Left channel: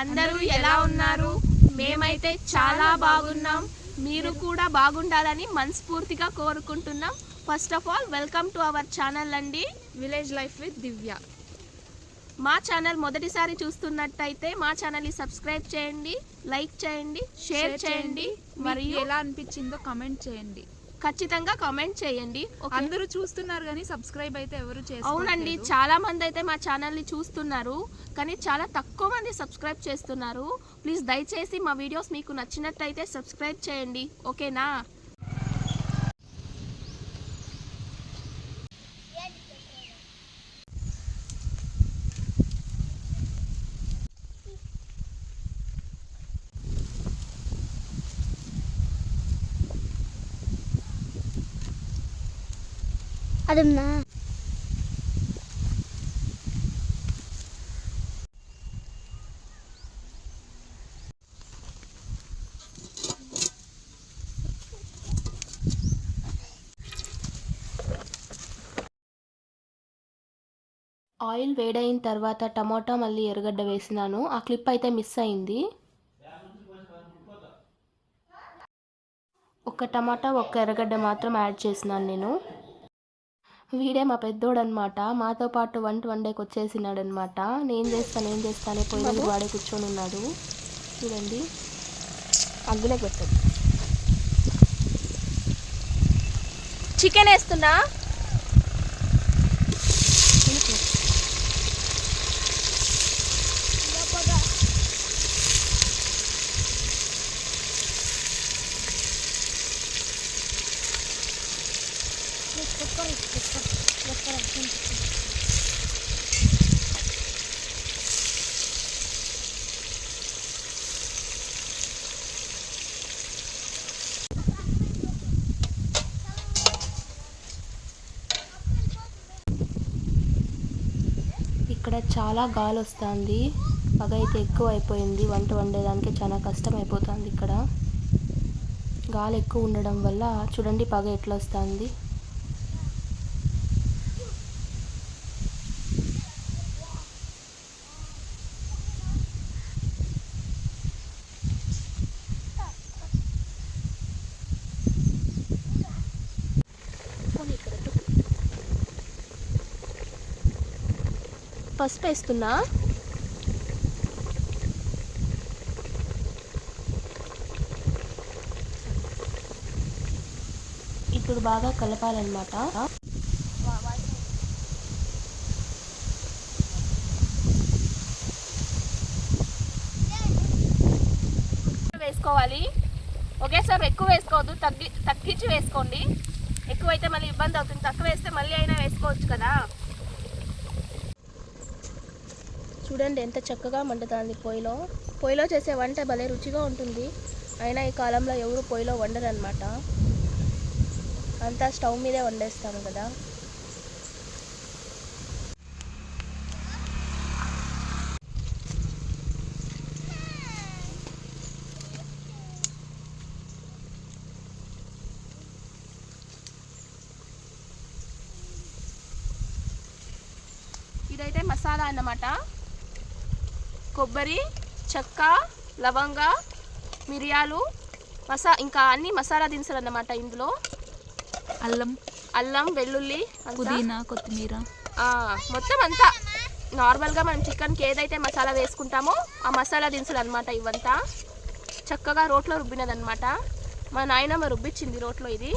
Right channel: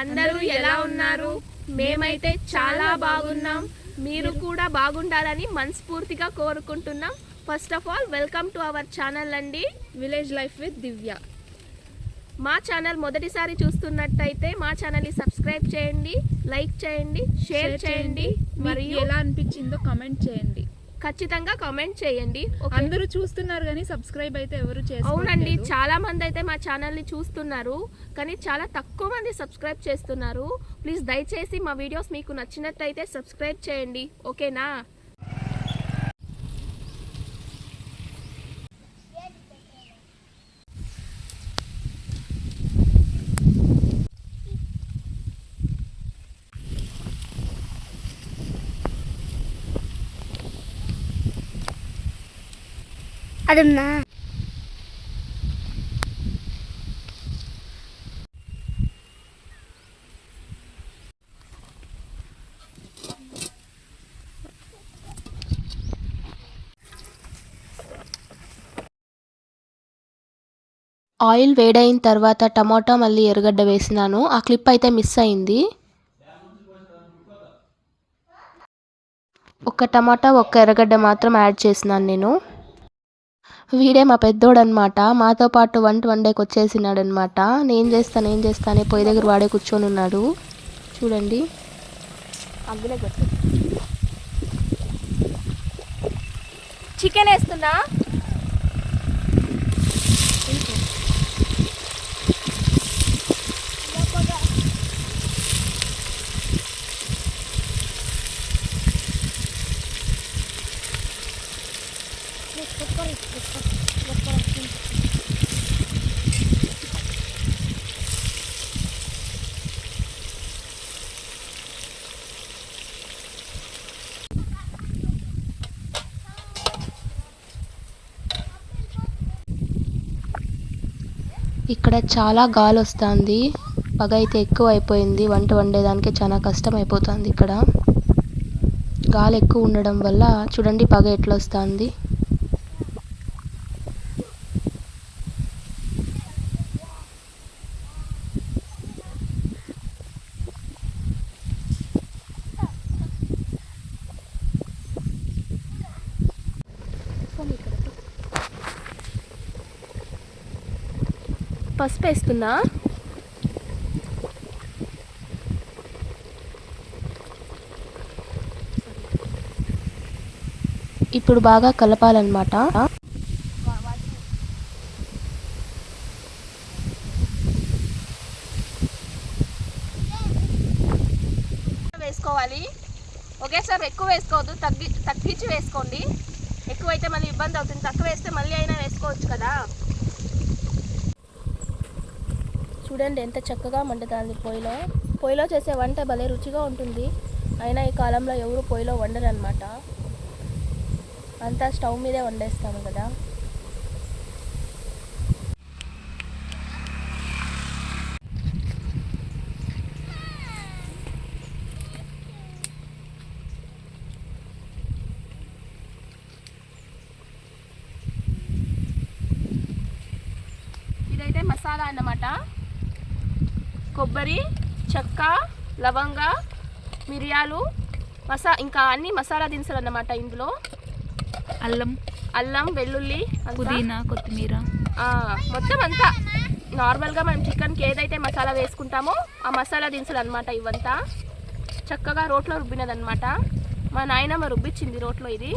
అందరూ ఎలా ఉన్నారు? మేమైతే చాలా బాగున్నాం. మీరు కూడా బాగుండాలని మనస్ఫూర్తిగా కోరుకుంటున్నాం. First of all welcome to our channel అండి, విలేజ్ లైఫ్ విత్ దివ్య. మా ఛానల్ మొదటిసారి చూస్తున్నట్టయితే మా ఛానల్ని సబ్స్క్రైబ్ చేయండి, లైక్ చేయండి, షేర్ చేయండి. మరియు ఎలా అనిపించిందో కామెంట్ చేయండి. ఖచ్చితంగా కామెంట్ చేయండి. అందరూ చూస్తున్నారు కానీ సబ్స్క్రైబ్ అయితే ఎవరు చేసుకోవట్లేదు. అవునండి, చాలా మంది అయితే మా ఛానల్ని చూస్తున్నారు కానీ చాలా తక్కువ మంది సబ్స్క్రైబ్ చేస్తున్నారు. ప్లీజ్ దయచేసి మా వీడియోస్ మీకు నచ్చినట్టయితే సబ్స్క్రైబ్ చేయండి, ఓకేనా? అదన్నా ఆయిల్ వేడైన తర్వాత టమాటా మళ్ళీ ఎర్రగడ్డ వేసినాను. ఆ క్లిప్ అయితే మిస్ అయింది. ఒక టమాటా ఒక్క ఎర్రగడ్డ మాత్రం యాడ్ చేసినాను నేను. వీడే మా పెద్దోడనమాట, మాతో పాటు వంట వండేకి వచ్చేసినాడు అనమాట. నేను చేస్తానే పొయ్యి దగ్గర వాడే కూర్చొని ఉన్నాడు. చూడండి, అందులో పెట్టండి. చికెన్ వేస్తున్నా. ఇక్కడ చాలా గాలి వస్తుంది, పగ అయితే ఎక్కువ అయిపోయింది. వంట వండేదానికి చాలా కష్టం అయిపోతుంది. ఇక్కడ గాలి ఎక్కువ ఉండడం వల్ల చూడండి పగ ఎట్లా వస్తుంది. పసుపు వేస్తున్నా. ఇప్పుడు బాగా కలపాలన్నమాట. వేసుకోవాలి. ఒకేసారి ఎక్కువ వేసుకోవద్దు, తగ్గించి వేసుకోండి. ఎక్కువైతే మళ్ళీ ఇబ్బంది అవుతుంది, తక్కువ వేస్తే మళ్ళీ అయినా వేసుకోవచ్చు కదా. చూడండి ఎంత చక్కగా మండుతుంది పొయ్యిలో చేసే వంట భలే రుచిగా ఉంటుంది. అయినా ఈ కాలంలో ఎవరు పొయ్యిలో వండరు అనమాట, అంతా స్టవ్ మీదే వండేస్తాము కదా. ఇదైతే మసాలా అన్నమాట. కొబ్బరి, చెక్క, లవంగ, మిరియాలు, ఇంకా అన్ని మసాలా దినుసులు అన్నమాట. ఇందులో అల్లం, వెల్లుల్లి, పుదీనా, కొత్తిమీర, మొత్తం అంతా నార్మల్గా మనం చికెన్కి ఏదైతే మసాలా వేసుకుంటామో ఆ మసాలా దినుసులు అనమాట. ఇవంతా చక్కగా రోట్లో రుబ్బినదనమాట. మా నాయనమ్మ రుబ్బిచ్చింది రోట్లో. ఇది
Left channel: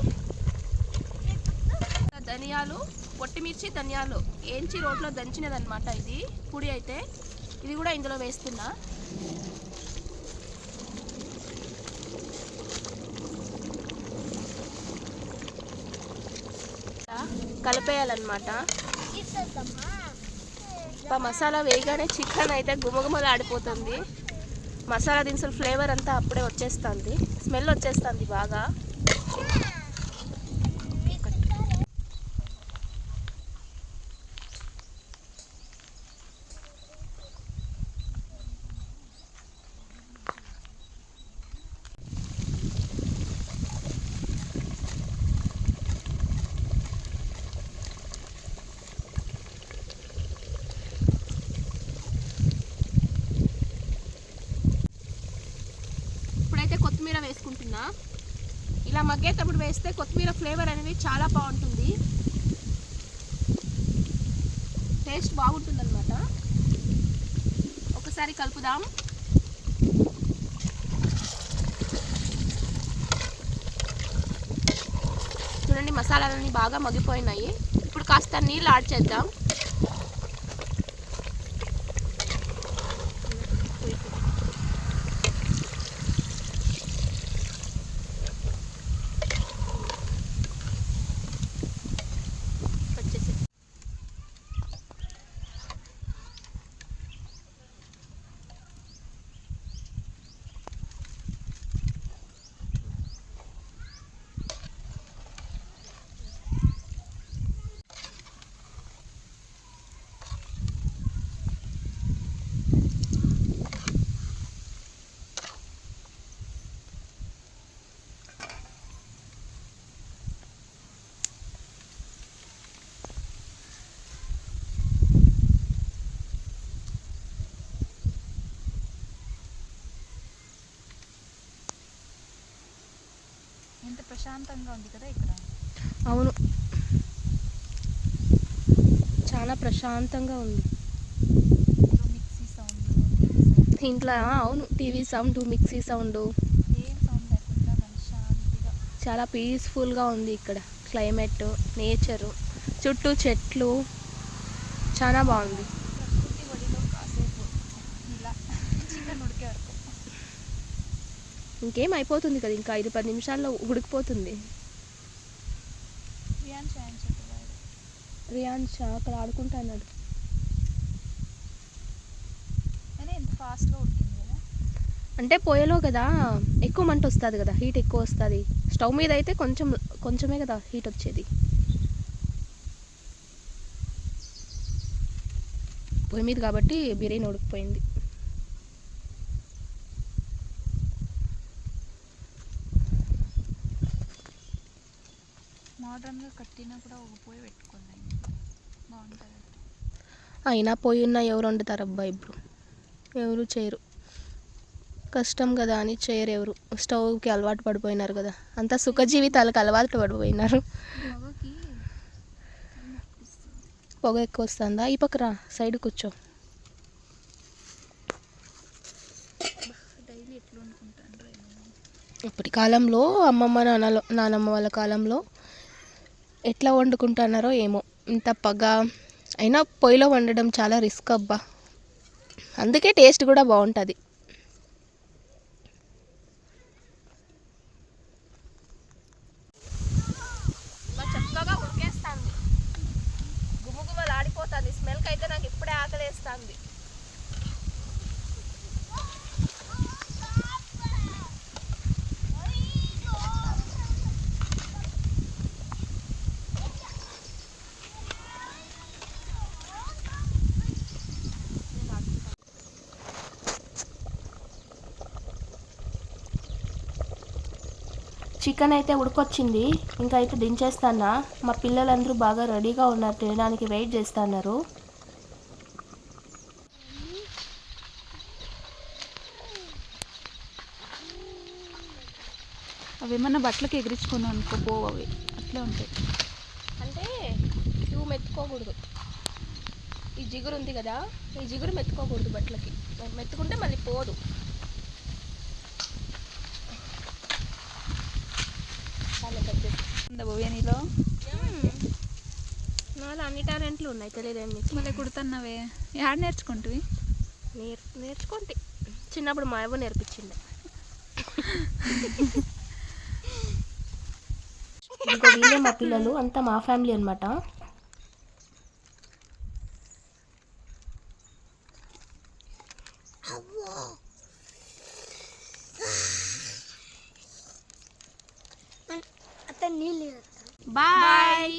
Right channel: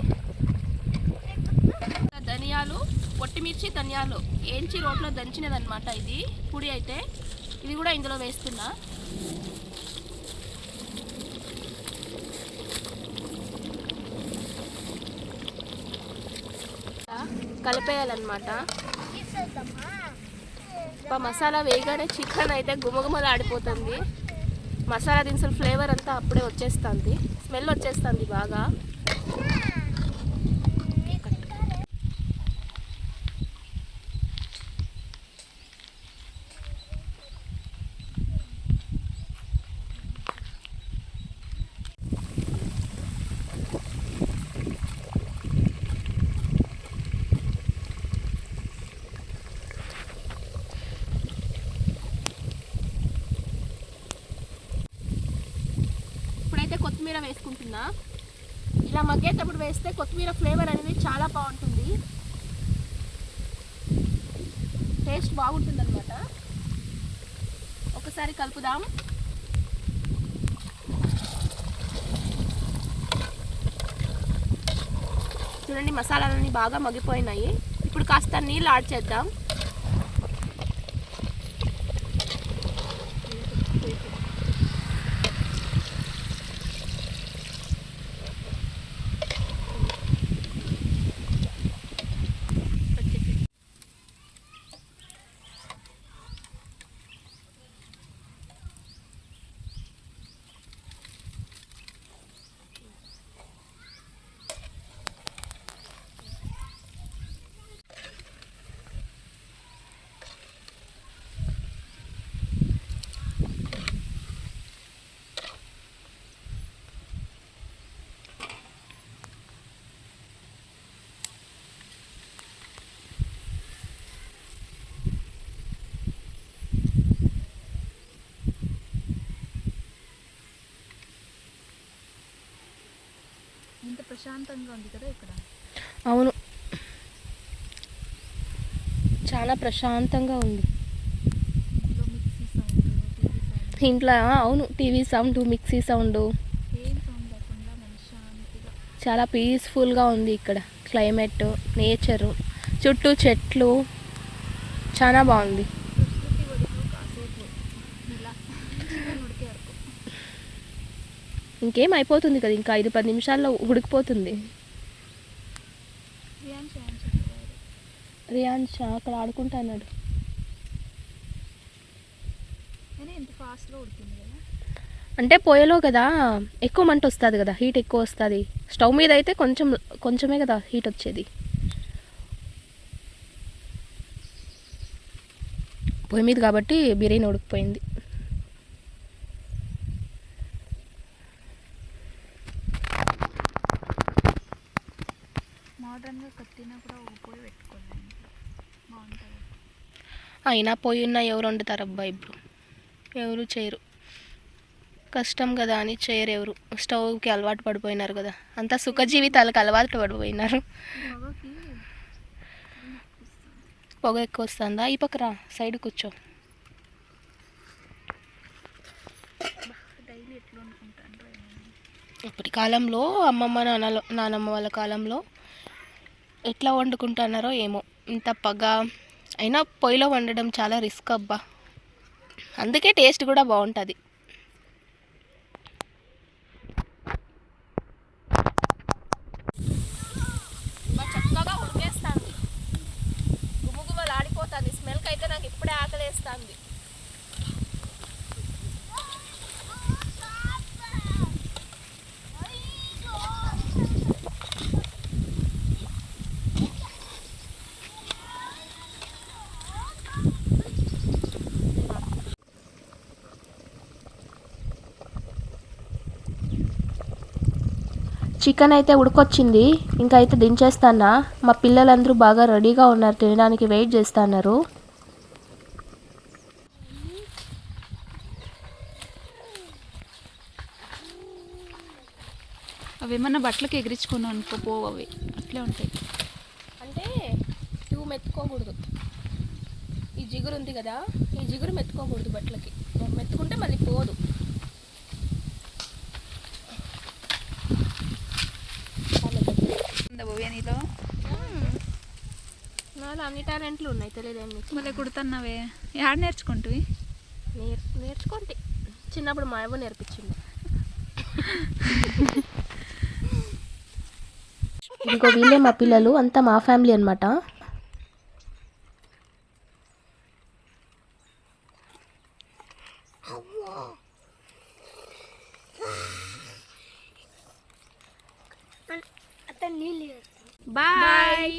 ధనియాలు, పొట్టిమిర్చి, ధనియాలు ఏంచి రోట్లో దంచినదనమాట. ఇది పొడి అయితే ఇది కూడా ఇందులో వేస్తున్నా. కలిపేయాలన్నమాట. మసాలా వేయగానే చికెన్ అయితే గుమగుమలు ఆడిపోతుంది. మసాలా దినుసుల ఫ్లేవర్ అంతా అప్పుడే వచ్చేస్తుంది, స్మెల్ వచ్చేస్తుంది బాగా. కొత్తిమీర వేసుకుంటున్నా. ఇలా మగ్గేటప్పుడు వేస్తే కొత్తిమీర ఫ్లేవర్ అనేది చాలా బాగుంటుంది, టేస్ట్ బాగుంటుంది అనమాట. ఒకసారి కలుపుదాం. చూడండి మసాలాలన్నీ బాగా మగ్గిపోయినాయి. ఇప్పుడు కాస్త నీళ్ళు యాడ్ చేద్దాం. ఎంత ప్రశాంతంగా ఉంది కదా ఇక్కడ. అవును, చాలా ప్రశాంతంగా ఉంది. మిక్సీ సౌండ్, ఇంట్లో అవును, టీవీ సౌండ్, మిక్సీ సౌండ్, ఏం సౌండ్ లేకుండా మనశ్శాంతిగా చాలా పీస్ఫుల్గా ఉంది ఇక్కడ. క్లైమేట్, నేచరు, చుట్టూ చెట్లు, చాలా బాగుంది. ప్రకృతి ఒడిలో కాసేపు ఇలా చిన్న ఉడికే వరకు. ఇంకేం అయిపోతుంది కదా, ఇంకా 5-10 నిమిషాల్లో ఉడికిపోతుంది. రియాన్స్ అక్కడ ఆడుకుంటున్నాడు. అయినా ఎంత ఫాస్ట్గా ఉడికింది కదా. అంటే పొయ్యిలో కదా ఎక్కువ మంట వస్తుంది కదా, హీట్ ఎక్కువ వస్తుంది. స్టవ్ మీద అయితే కొంచెమే కదా హీట్ వచ్చేది. పొయ్యి మీద కాబట్టి బిర్యానీ ఉడికిపోయింది. మోడర్న్గా కట్టినా కూడా ఒక పొయ్యి పెట్టుకోవాలి, బాగుంటుంది. అయినా పొయ్యి ఉన్న ఎవరు వండుతారు అబ్బా, ఇప్పుడు ఎవరు చేయరు. కష్టం కదా అని చేయరు ఎవరు. స్టవ్కి అలవాటు పడిపోయినారు కదా, అంతా సుఖ జీవితాలకు అలవాటు పడిపోయినారు. పొగకి పొగ ఎక్కువ వస్తుందా? ఈ పక్క రా, సైడ్ కూర్చో. డైలీ ఎట్లా అనుకుంటాను. ఇప్పటి కాలంలో అమ్మమ్మ నానమ్మ వాళ్ళ కాలంలో ఎట్లా వండుకుంటున్నారో ఏమో, ఇంత పగ. అయినా పొయ్యిలో వండడం చాలా రిస్క్ అబ్బా, అందుకే టేస్ట్ కూడా బాగుంటుంది. చక్కగా ఉడికేస్తుంది, గుమగుమలు ఆడిపోతుంది. స్మెల్కి అయితే నాకు ఇప్పుడే ఆకలేస్తుంది. చికెన్ అయితే ఉడికొచ్చింది, ఇంకా అయితే దించేస్తానా. మా పిల్లలందరూ బాగా రెడీగా ఉన్నారు, తినడానికి వెయిట్ చేస్తున్నారు. అవి ఏమన్నా బట్టలకు ఎగిరించుకొని అనుకోపోవు, అవి అట్లే ఉంటాయి. అంటే ఇవి మెత్తుకోకూడదు, ఈ జిగురు ఉంది కదా, ఈ జిగురు మెత్తుకోకూడదు బట్టలకి. మెత్తుకుంటే మళ్ళీ పోదు. బిర్యానీలో నాలో అన్ని టాలెంట్లు ఉన్నాయి, తెలియదేమి. మళ్ళీ కుడుతున్నావే, యాడ్ నేర్చుకుంటువి? నేర్చుకోండి, చిన్నప్పుడు మా అవ్వ నేర్పించింది. ఇంకో వీళ్ళే మా పిల్లలు, అంతా మా ఫ్యామిలీ అనమాట. బాయ్.